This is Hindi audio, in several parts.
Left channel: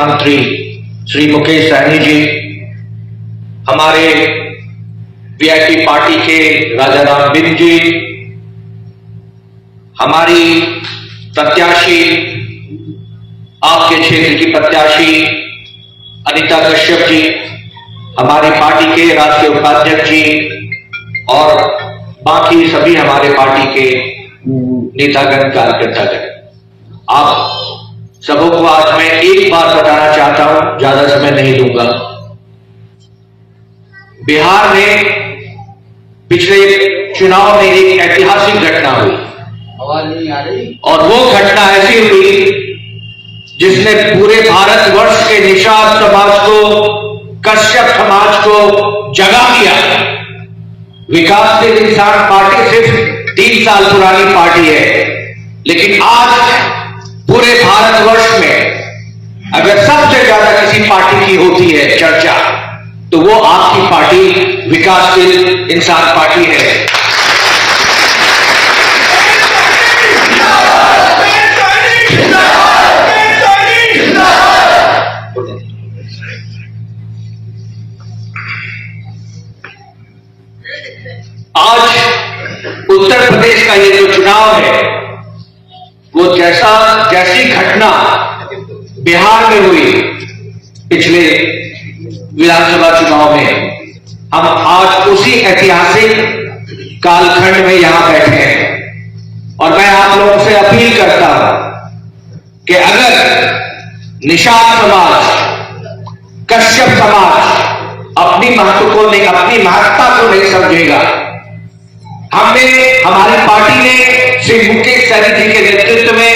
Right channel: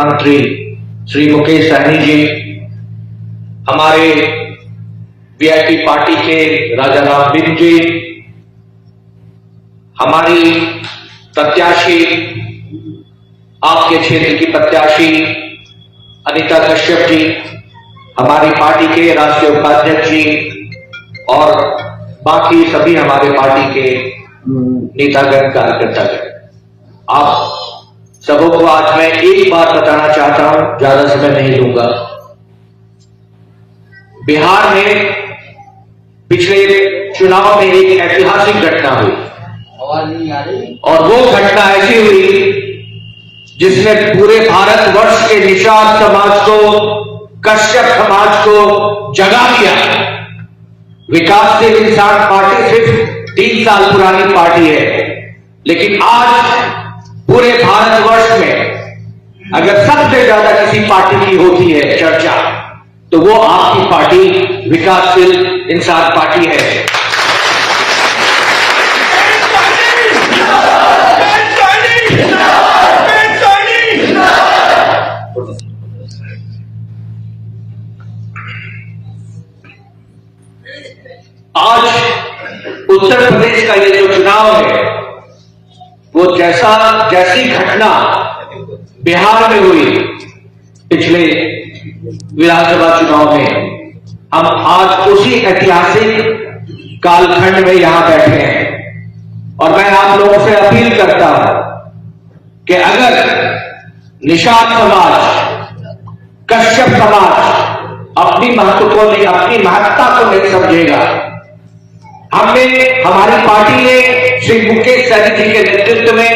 मंत्री श्री मुकेश सहनी जी, हमारे वीआईपी पार्टी के राजा राम बिंद जी, हमारी प्रत्याशी आपके क्षेत्र की प्रत्याशी अनीता कश्यप जी, हमारी पार्टी के राष्ट्रीय उपाध्यक्ष जी और बाकी सभी हमारे पार्टी के नेतागण कार्यकर्तागण, आप सबों को आज मैं एक बात बताना चाहता हूं, ज्यादा समय नहीं लूंगा। बिहार में पिछले चुनाव में एक ऐतिहासिक घटना हुई, आवाज नहीं आ रही, और वो घटना ऐसी हुई जिसने पूरे भारतवर्ष के निषाद समाज को, कश्यप समाज को जगा दिया। विकासशील इंसान पार्टी सिर्फ 3 साल पुरानी पार्टी है, लेकिन आज पूरे भारतवर्ष में अगर सबसे ज्यादा किसी पार्टी की होती है चर्चा, तो वो आपकी पार्टी विकासशील इंसान पार्टी है। आज उत्तर प्रदेश का ये जो चुनाव है, वो जैसी घटना बिहार में हुई पिछले विधानसभा चुनाव में, हम आज उसी ऐतिहासिक कालखंड में यहां बैठे हैं। और मैं आप लोगों से अपील करता हूं कि अगर निषाद समाज, कश्यप समाज अपनी महत्ता को नहीं समझेगा, हमारी पार्टी ने श्री मुकेश सहनी जी के नेतृत्व में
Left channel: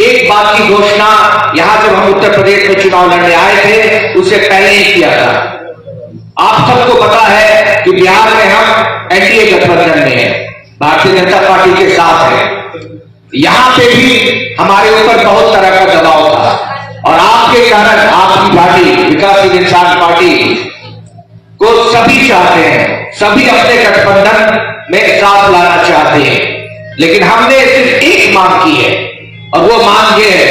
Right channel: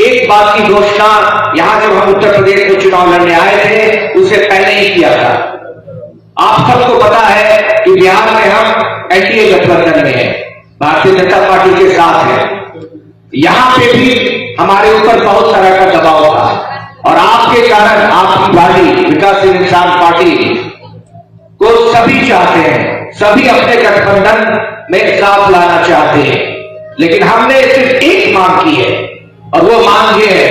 एक बात की घोषणा यहां जब हम उत्तर प्रदेश में चुनाव लड़ने आए थे उससे पहले ही किया था। आप सबको पता है कि बिहार में हम एनडीए गठबंधन में हैं, भारतीय जनता पार्टी के साथ है। यहां पे भी हमारे ऊपर बहुत तरह का दबाव था, और आपके कारण आपकी पार्टी विकासशील इंसान पार्टी को सभी चाहते हैं, सभी अपने गठबंधन में साथ लाना चाहते हैं। लेकिन हमने सिर्फ एक मांग की है, और वो मांग ये है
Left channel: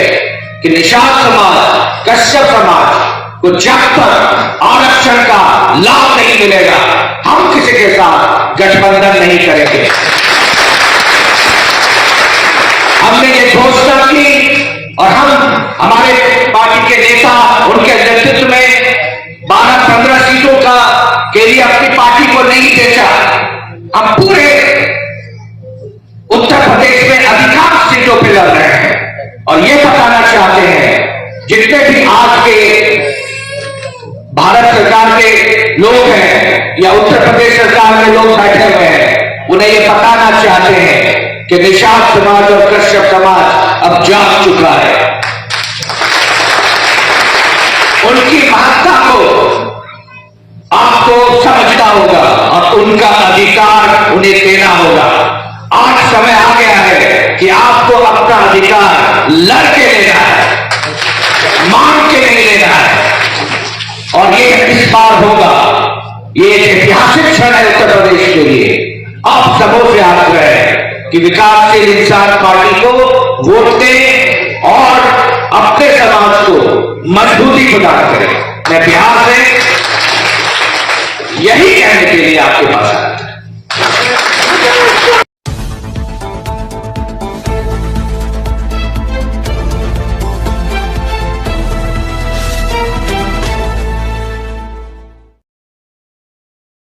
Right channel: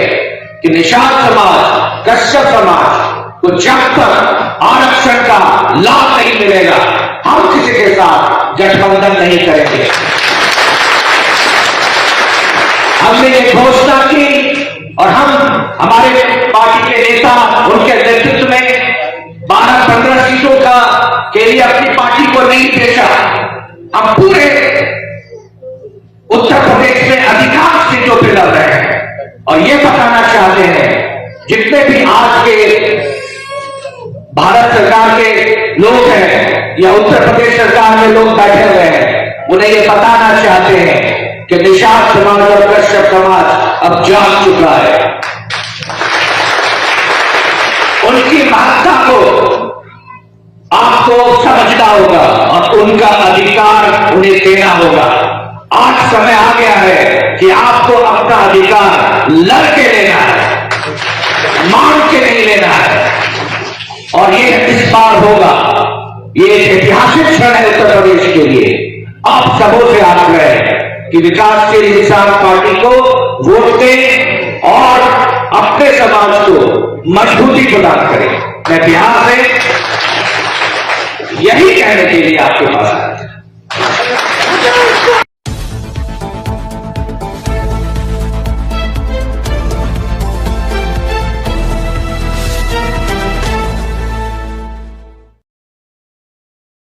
कि निषाद समाज, कश्यप समाज को जब तक आरक्षण का लाभ नहीं मिलेगा, हम किसी के साथ गठबंधन नहीं करेंगे। हमने ये घोषणा की, और हमारे पार्टी के नेता उनके नेतृत्व में 12-15 सीटों के लिए अपनी पार्टी को नहीं बेचा। हम पूरे उत्तर प्रदेश में अधिकांश सीटों पर लड़ रहे हैं, और ये बताना चाहते हैं जितने भी आज के भारत सरकार के लोग हैं या उत्तर प्रदेश सरकार में लोग बैठे हुए हैं, उन्हें ये बताना चाहते हैं कि निषाद समाज और कश्यप समाज अब जाग चुका है। उनकी महत्ता को आपको समझना होगा, और उनका अधिकार उन्हें देना होगा। आज समय आ गया है कि आपको अपना अधिकार लड़के लेना है, मांग के नहीं लेना है। और ये इस बार होगा, ये ऐतिहासिक क्षण है उत्तर प्रदेश के लिए। आप सबों से आग्रह है कि विकासशील इंसान पार्टी को वोट दें और अपने समाज को मजबूती प्रदान करें। मैं बिहार से यही कहने के लिए आपके पास आया था।